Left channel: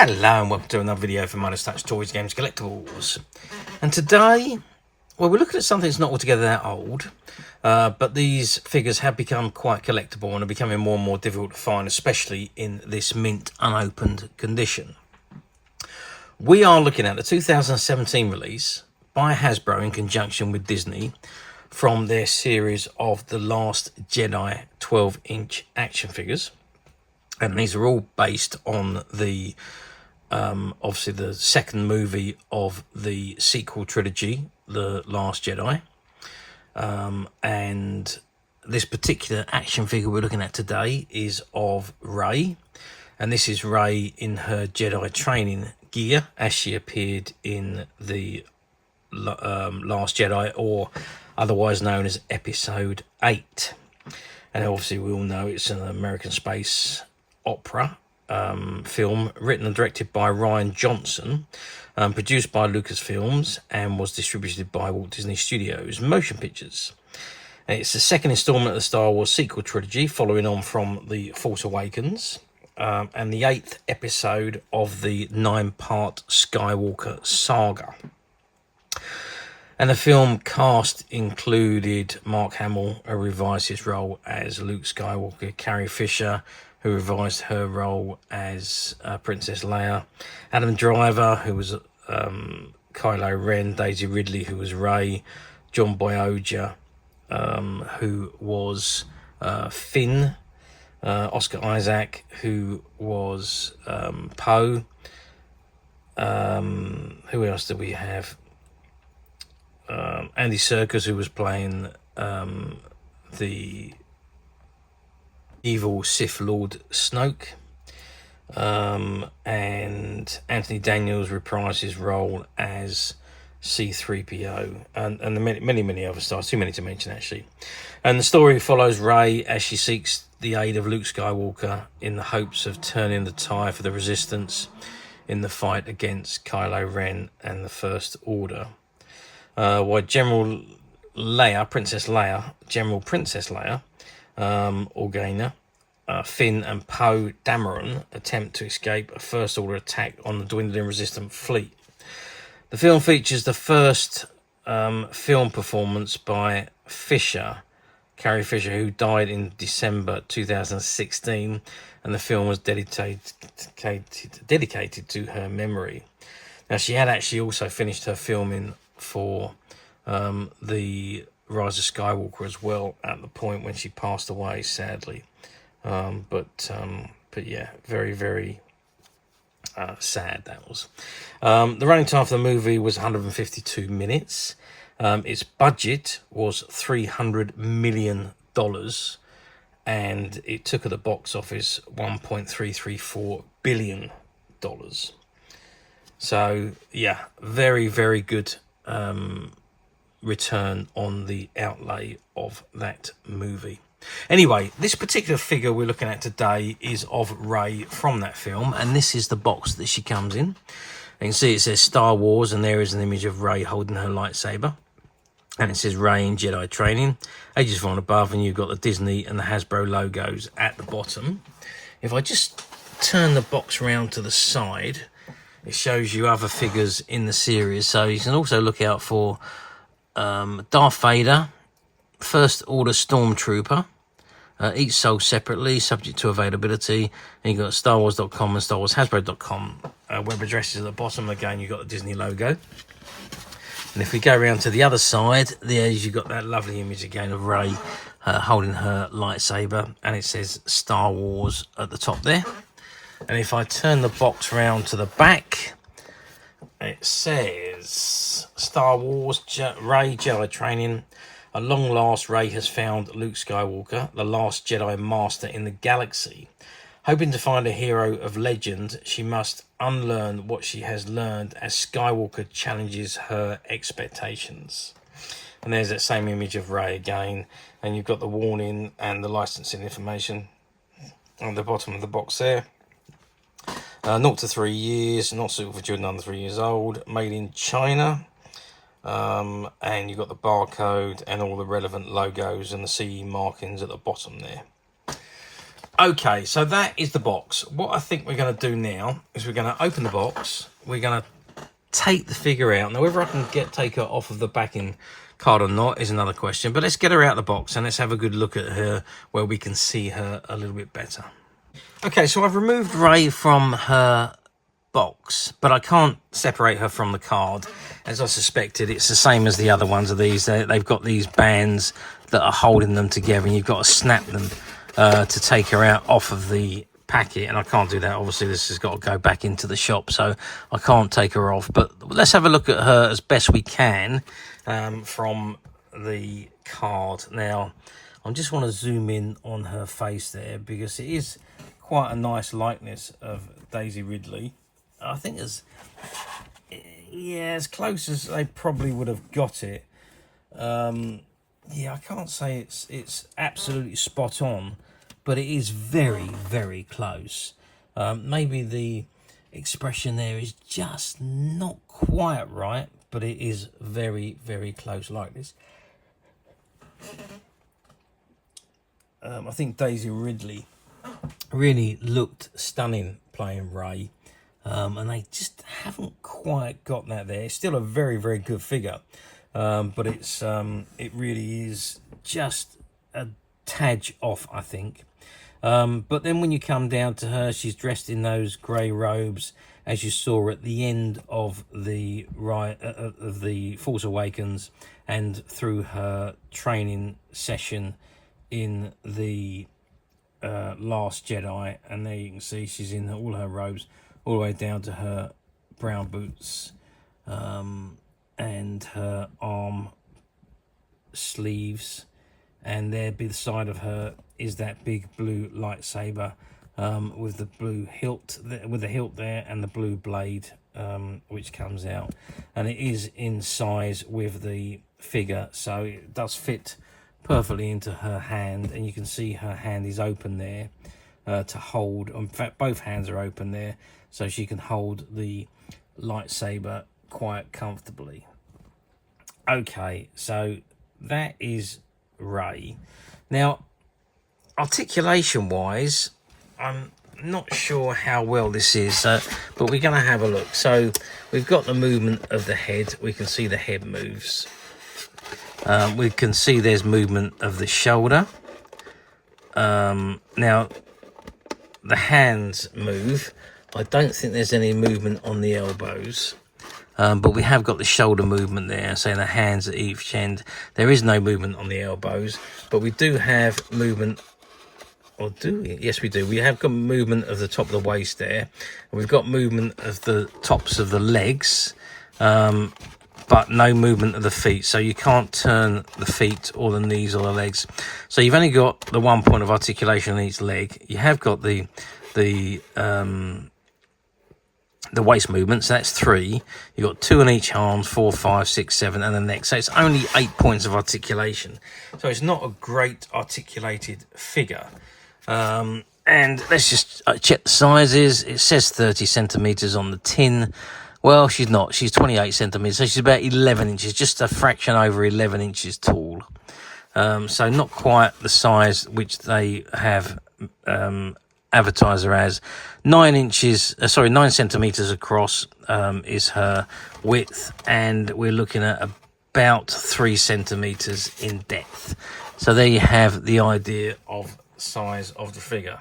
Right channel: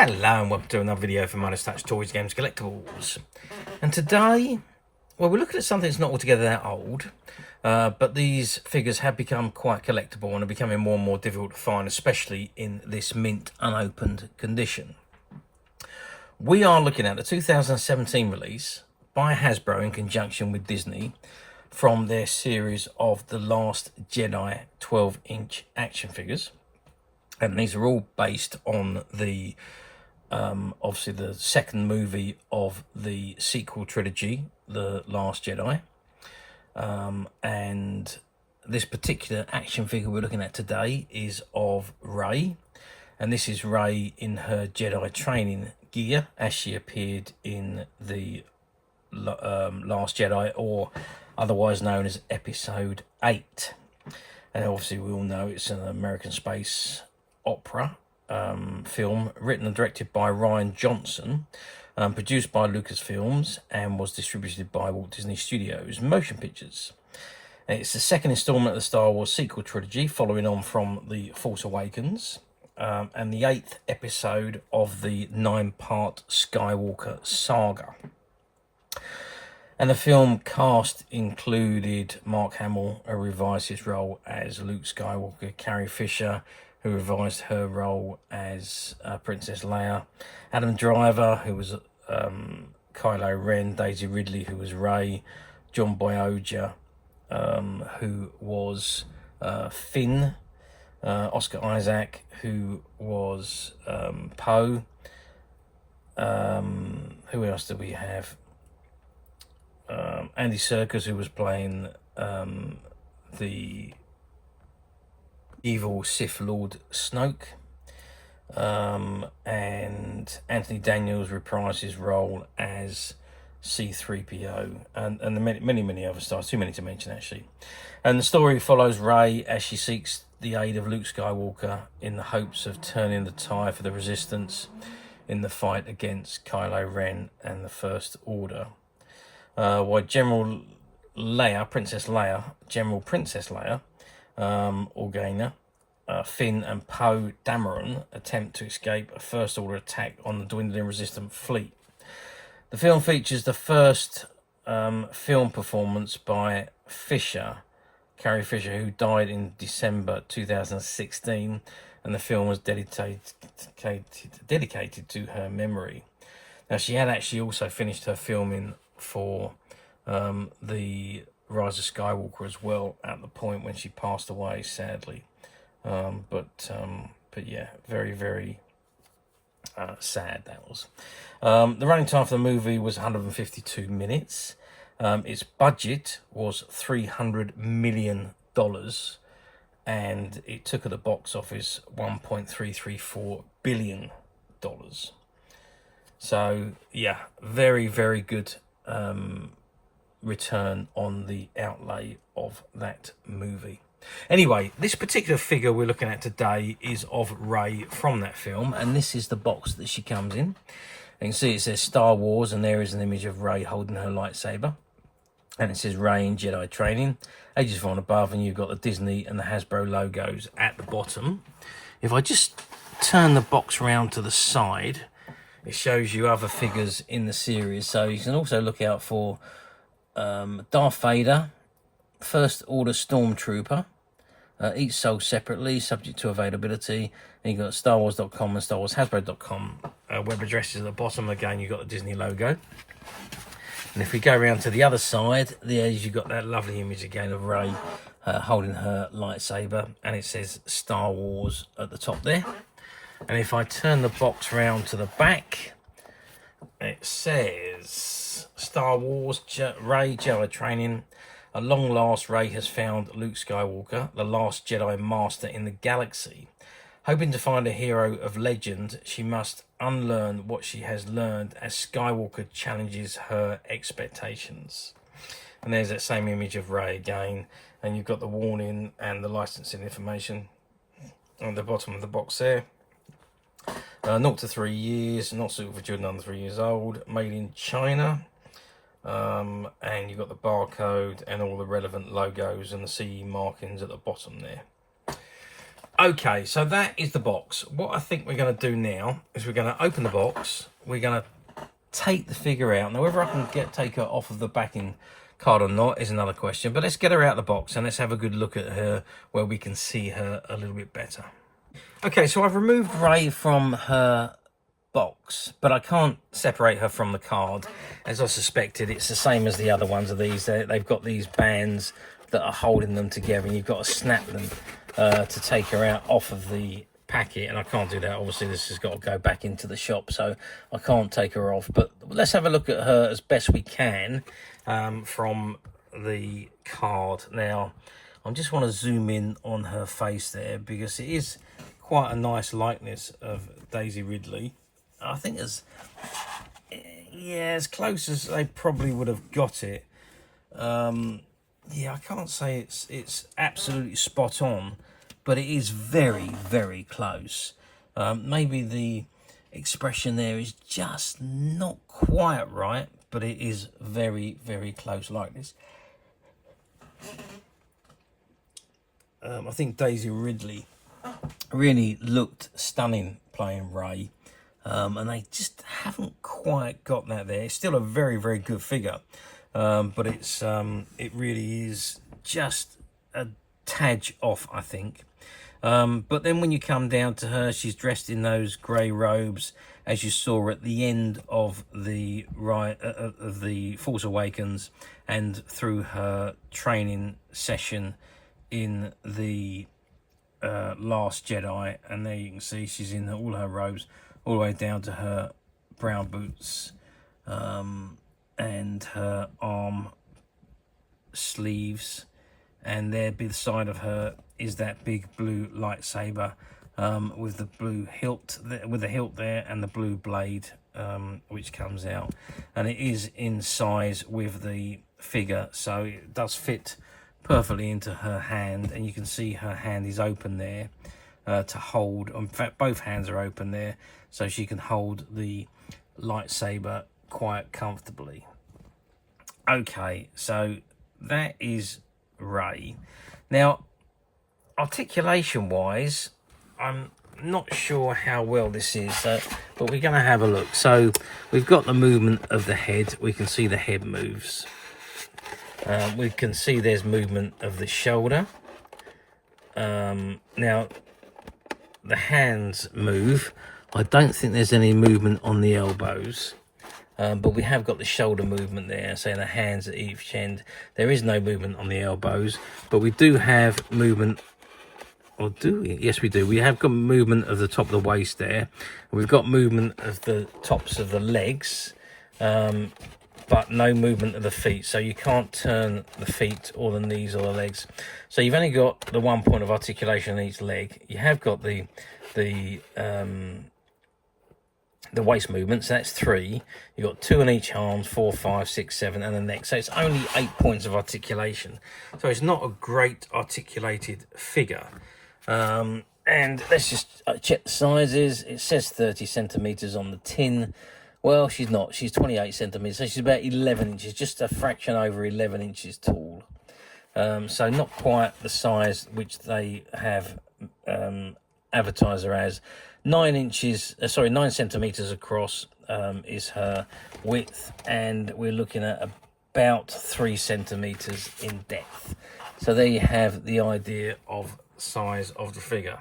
Hello and welcome to another video from Minus Touch Toys, Games, Collectibles. And today, well, we're looking at something that's not altogether that old, but these figures have become quite collectible and are becoming more and more difficult to find, especially in this mint unopened condition. We are looking at the 2017 release by Hasbro in conjunction with Disney from their series of The Last Jedi 12-inch action figures. And these are all based on the obviously the second movie of the sequel trilogy, The Last Jedi. And this particular action figure we're looking at today is of Rey. And this is Rey in her Jedi training gear as she appeared in the Last Jedi, or otherwise known as Episode 8. And obviously we all know it's an American space opera film written and directed by Rian Johnson, produced by Lucasfilms, and was distributed by Walt Disney Studios Motion Pictures. It's the second installment of the Star Wars sequel trilogy, following on from The Force Awakens, and the 8th episode of the 9-part Skywalker saga. And the film cast included Mark Hamill, who revised his role as Luke Skywalker, Carrie Fisher, who revised her role as Princess Leia, Adam Driver, who was Kylo Ren, Daisy Ridley, who was Rey, John Boyega, who was Finn, Oscar Isaac, who was Poe. Who else do we have? Andy Serkis, who was playing the evil Sith Lord Snoke, and Anthony Daniels reprised his role as C-3PO, and many other stars, too many to mention actually. And the story follows Rey as she seeks the aid of Luke Skywalker in the hopes of turning the tide for the Resistance in the fight against Kylo Ren and the First Order. While General Princess Leia, Organa, Finn and Poe Dameron attempt to escape a First Order attack on the dwindling Resistance fleet. The film features the first film performance by Carrie Fisher, who died in December 2016, and the film was dedicated to her memory. Now, she had actually also finished her filming for the Rise of Skywalker as well at the point when she passed away, sadly. But yeah, very sad that was. The running time for the movie was 152 minutes. Its budget was $300 million, and it took at the box office $1.334 billion. So yeah, very good return on the outlay of that movie. Anyway, this particular figure we're looking at today is of Rey from that film, and this is the box that she comes in. You can see it says Star Wars, and there is an image of Rey holding her lightsaber, and it says Rey in Jedi Training, ages 4 and above, and you've got the Disney and the Hasbro logos at the bottom. If I just turn the box around to the side, it shows you other figures in the series, so you can also look out for Darth Vader, First Order Stormtrooper, each sold separately, subject to availability. And you've got StarWars.com and StarWarsHasbro.com web addresses at the bottom. Again, you've got the Disney logo. And if we go around to the other side, there's you've got that lovely image again of Rey holding her lightsaber, and it says Star Wars at the top there. And if I turn the box round to the back, it says Star Wars Rey Jedi Training. At long last, Rey has found Luke Skywalker, the last Jedi Master in the galaxy. Hoping to find a hero of legend, she must unlearn what she has learned as Skywalker challenges her expectations. And there's that same image of Rey again, and you've got the warning and the licensing information on the bottom of the box there. 0 to 3 years, not suitable for children under 3 years old, made in China. And you've got the barcode and all the relevant logos and the CE markings at the bottom there. Okay, so that is the box. What I think we're going to do now is we're going to open the box. We're going to take the figure out. Now, whether I can take her off of the backing card or not is another question. But let's get her out of the box and let's have a good look at her where we can see her a little bit better. Okay, so I've removed Rey from her box, but I can't separate her from the card. As I suspected, it's the same as the other ones of these. They've got these bands that are holding them together, and you've got to snap them to take her out off of the packet, and I can't do that. Obviously, this has got to go back into the shop, so I can't take her off. But let's have a look at her as best we can from the card. Now, I just want to zoom in on her face there, because it is quite a nice likeness of Daisy Ridley. I think as close as they probably would have got it. Yeah, I can't say it's absolutely spot on, but it is very, very close. Maybe the expression there is just not quite right, but it is very, very close like this. I think Daisy Ridley really looked stunning playing Rey, and they just haven't quite got that there. It's still a very, very good figure, but it really is just a tad off, I think. But then when you come down to her, she's dressed in those grey robes, as you saw at the end of the Force Awakens and through her training session in the Last Jedi. And there you can see she's in all her robes, all the way down to her brown boots and her arm sleeves. And there beside of her is that big blue lightsaber with the blue hilt, with the hilt there, and the blue blade which comes out. And it is in size with the figure, so it does fit perfectly into her hand. And you can see her hand is open there to hold. In fact, both hands are open there, so she can hold the lightsaber quite comfortably. Okay, so that is Rey. Now, articulation wise, I'm not sure how well this is, but we're going to have a look. So we've got the movement of the head. We can see the head moves. We can see there's movement of the shoulder. Now the hands move. I don't think there's any movement on the elbows. But we have got the shoulder movement there, saying the hands at each end. There is no movement on the elbows, but we do have movement, or do we? Yes, we do. We have got movement of the top of the waist there. We've got movement of the tops of the legs, but no movement of the feet. So you can't turn the feet or the knees or the legs. So you've only got the 1 point of articulation on each leg. You have got the waist movement, so that's 3. You've got 2 on each arm, 4, 5, 6, 7, and the neck. So it's only 8 points of articulation. So it's not a great articulated figure. And let's just check the sizes. It says 30 centimeters on the tin. Well, she's not. She's 28 centimeters, so she's about 11 inches, just a fraction over 11 inches tall. So not quite the size which they have advertised her as. 9 centimeters across is her width, and we're looking at about 3 centimeters in depth. So there you have the idea of size of the figure.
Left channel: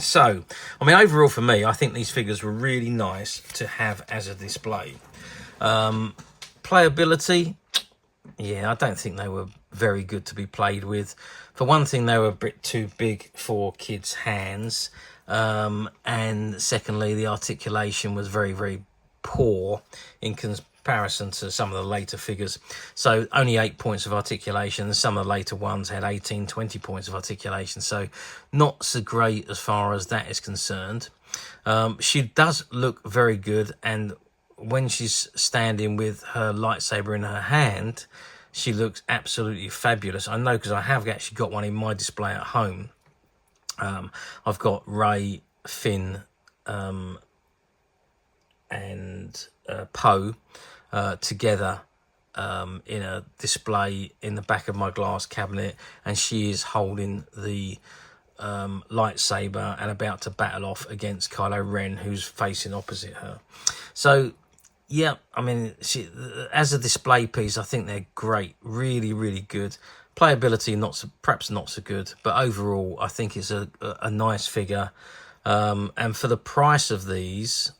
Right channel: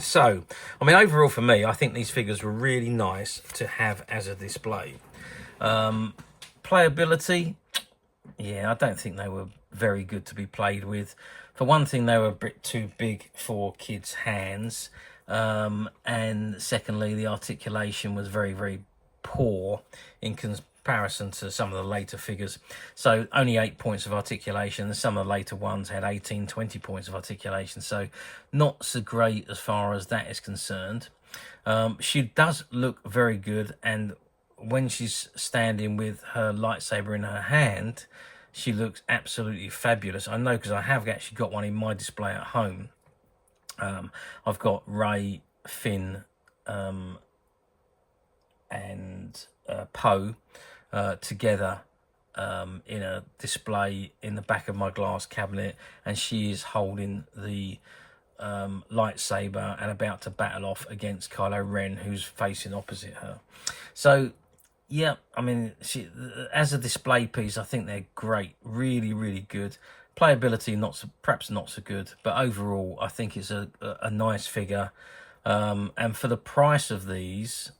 So, I mean, overall for me, I think these figures were really nice to have as a display. Playability, yeah, I don't think they were very good to be played with. For one thing, they were a bit too big for kids' hands. And secondly, the articulation was very, very poor in comparison to some of the later figures. So only 8 points of articulation. Some of the later ones had 18, 20 points of articulation. So not so great as far as that is concerned. She does look very good. And when she's standing with her lightsaber in her hand, she looks absolutely fabulous. I know, because I have actually got one in my display at home. I've got Rey, Finn, and Poe together in a display in the back of my glass cabinet, and she is holding the lightsaber and about to battle off against Kylo Ren, who's facing opposite her. So yeah, I mean, as a display piece, I think they're great, really, really good. Playability, perhaps not so good, but overall, I think it's a nice figure. And for the price of these,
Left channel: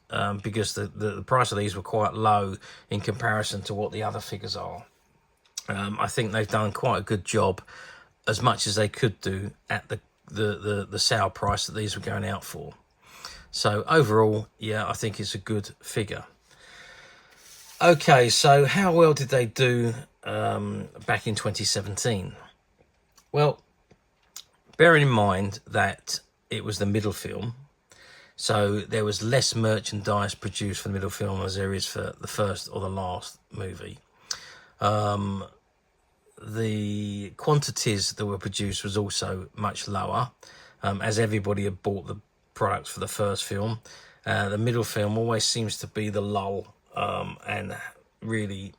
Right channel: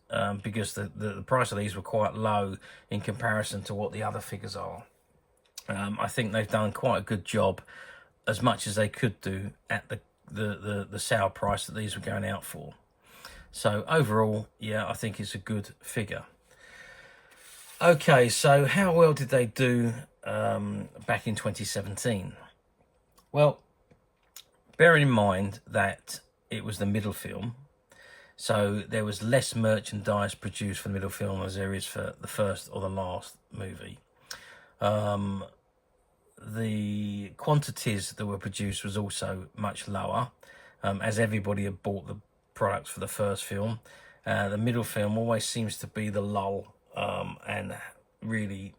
because the price of these were quite low in comparison to what the other figures are, I think they've done quite a good job, as much as they could do at the sale price that these were going out for. So overall, yeah, I think it's a good figure. Okay, so how well did they do back in 2017? Well, bearing in mind that it was the middle film, so there was less merchandise produced for the middle film as there is for the first or the last movie. The quantities that were produced was also much lower, as everybody had bought the products for the first film. The middle film always seems to be the lull, and really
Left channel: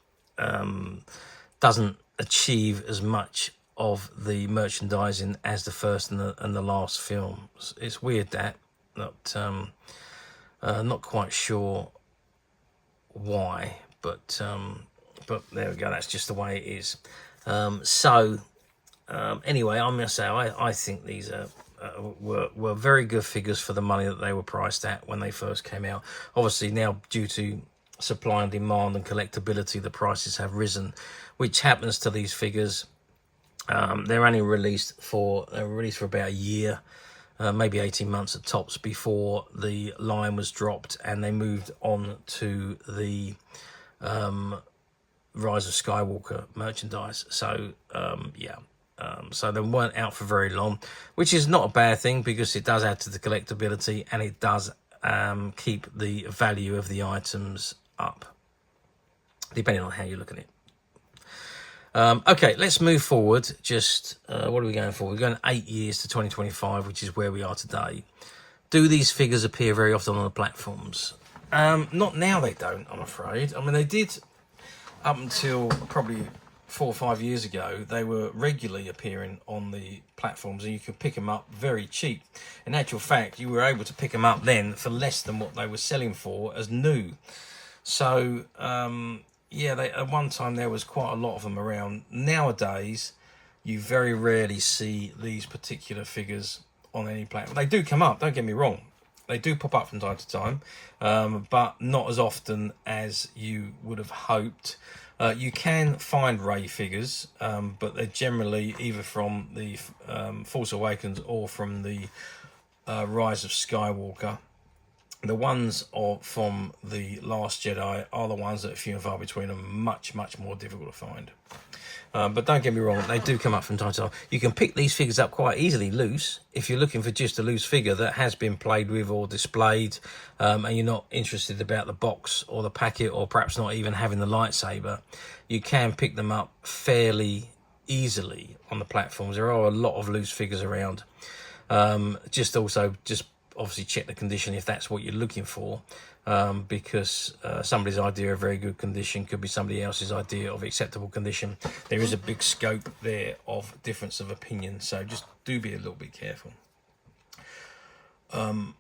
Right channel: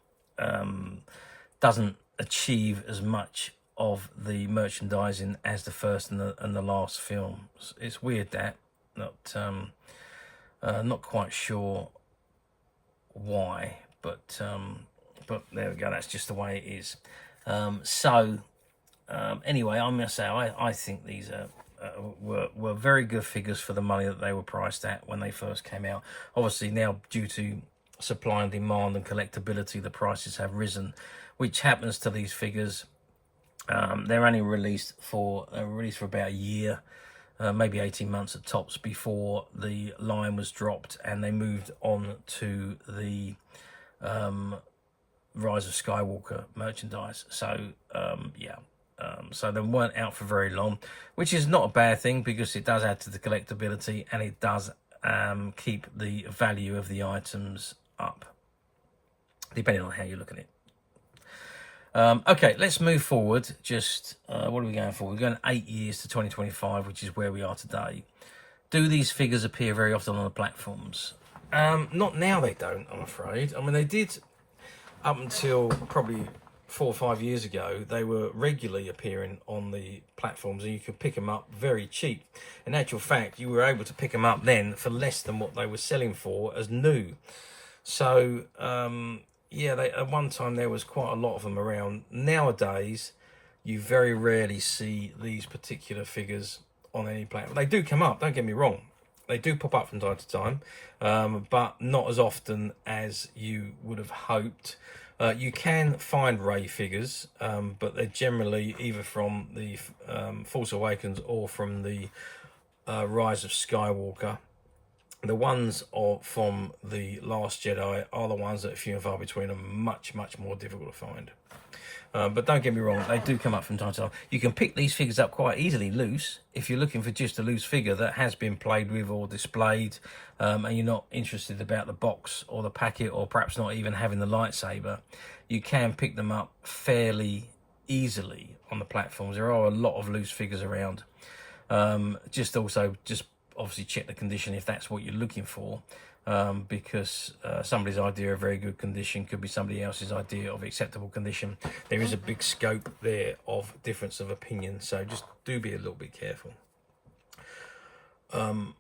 doesn't achieve as much of the merchandising as the first and the last film. It's weird that, not quite sure why, but there we go. That's just the way it is. Anyway, I must say I think these were very good figures for the money that they were priced at when they first came out. Obviously now, due to supply and demand and collectability, the prices have risen, which happens to these figures. They're only released for about a year, maybe 18 months at tops, before the line was dropped and they moved on to the Rise of Skywalker merchandise. So so they weren't out for very long, which is not a bad thing, because it does add to the collectability and it does keep the value of the items up, depending on how you look at it. Okay, let's move forward. Just what are we going for? We're going 8 years to 2025, which is where we are today. Do these figures appear very often on the platforms? Not now, they don't, I'm afraid. I mean, they did up until probably 4 or 5 years ago. They were regularly appearing on the platforms and you could pick them up very cheap. In actual fact, you were able to pick them up then for less than what they were selling for as new. So yeah, at one time there was quite a lot of them around. Nowadays, you very rarely see these particular figures on any platform. They do come up, don't get me wrong. They do pop up from time to time, but not as often as you would have hoped. You can find Rey figures, but they're generally either from the Force Awakens or from the Rise of Skywalker. The ones from the Last Jedi are the ones that are few and far between, and much, much more difficult to find. But don't get me wrong, they do come up from time to time. You can pick these figures up quite easily loose if you're looking for just a loose figure that has been played with or displayed, and you're not interested about the box or the packet, or perhaps not even having the lightsaber. You can pick them up fairly easily on the platforms. There are a lot of loose figures around. Just obviously check the condition if that's what you're looking for, because somebody's idea of very good condition could be somebody else's idea of acceptable condition. There is a big scope there of difference of opinion, so just do be a little bit careful. And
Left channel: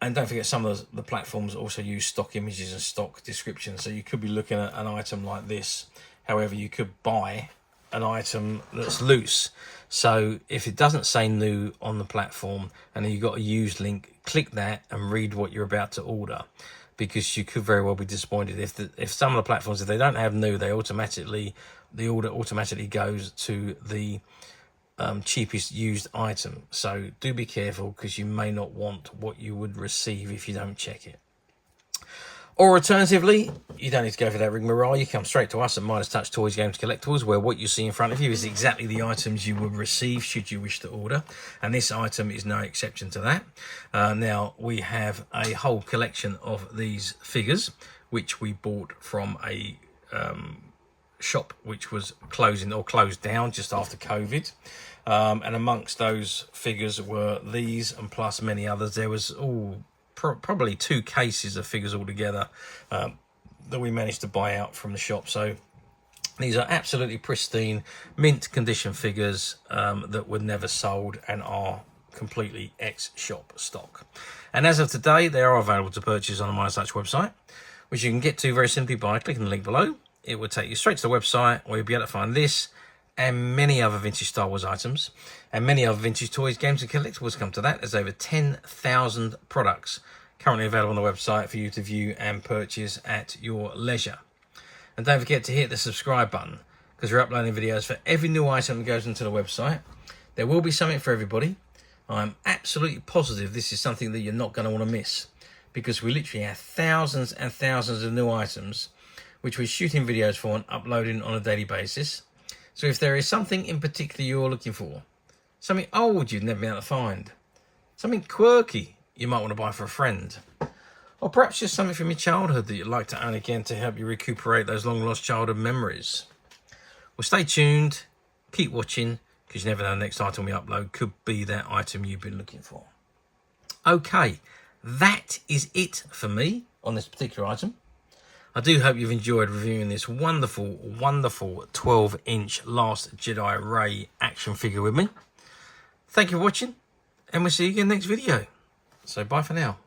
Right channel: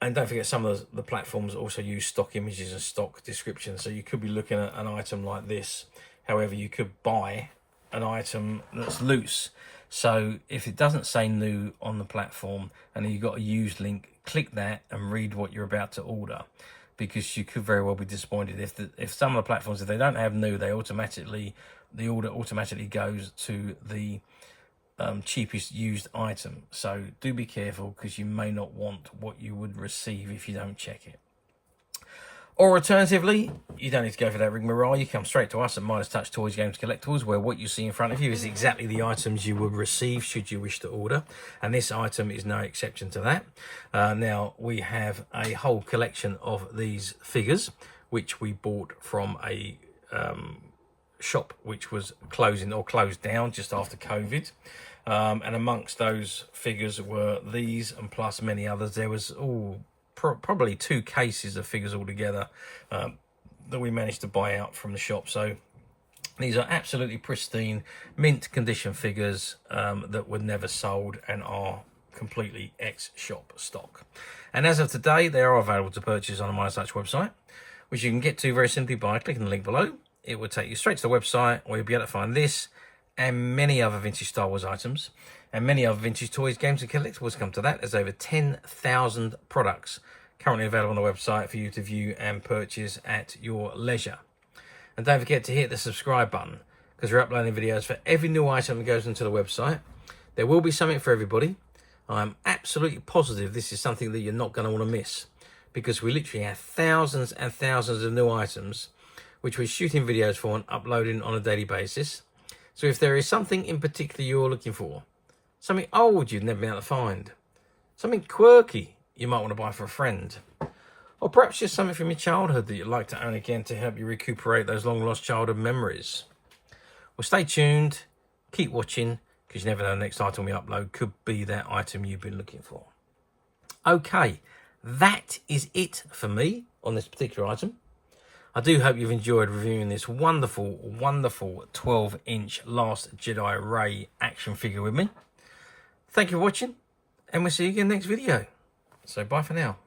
don't forget, some of the platforms also use stock images and stock descriptions, so you could be looking at an item like this. However, you could buy an item that's loose. So if it doesn't say new on the platform and you've got a used link, click that and read what you're about to order, because you could very well be disappointed if some of the platforms, if they don't have new, the order automatically goes to the cheapest used item. So do be careful, because you may not want what you would receive if you don't check it. Or alternatively, you don't need to go for that rigmarole. You come straight to us at Midas Touch Toys, Games, Collectibles, where what you see in front of you is exactly the items you would receive should you wish to order. And this item is no exception to that. Now, we have a whole collection of these figures, which we bought from a shop which was closing or closed down just after COVID. And amongst those figures were these, and plus many others. There was probably 2 cases of figures altogether that we managed to buy out from the shop. So these are absolutely pristine, mint condition figures that were never sold and are completely ex-shop stock. And as of today, they are available to purchase on my such website, which you can get to very simply by clicking the link below. It will take you straight to the website where you'll be able to find this and many other vintage Star Wars items and many other vintage toys, games and collectibles. Come to that. There's over 10,000 products currently available on the website for you to view and purchase at your leisure. And don't forget to hit the subscribe button, because we're uploading videos for every new item that goes into the website. There will be something for everybody. I'm absolutely positive this is something that you're not going to want to miss, because we literally have thousands and thousands of new items which we're shooting videos for and uploading on a daily basis. So if there is something in particular you're looking for, something old you've never been able to find, something quirky you might want to buy for a friend, or perhaps just something from your childhood that you'd like to own again to help you recuperate those long lost childhood memories, well, stay tuned, keep watching, because you never know, the next item we upload could be that item you've been looking for. Okay, that is it for me on this particular item. I do hope you've enjoyed reviewing this wonderful, wonderful 12-inch Last Jedi Rey action figure with me. Thank you for watching, and we'll see you again next video. So bye for now.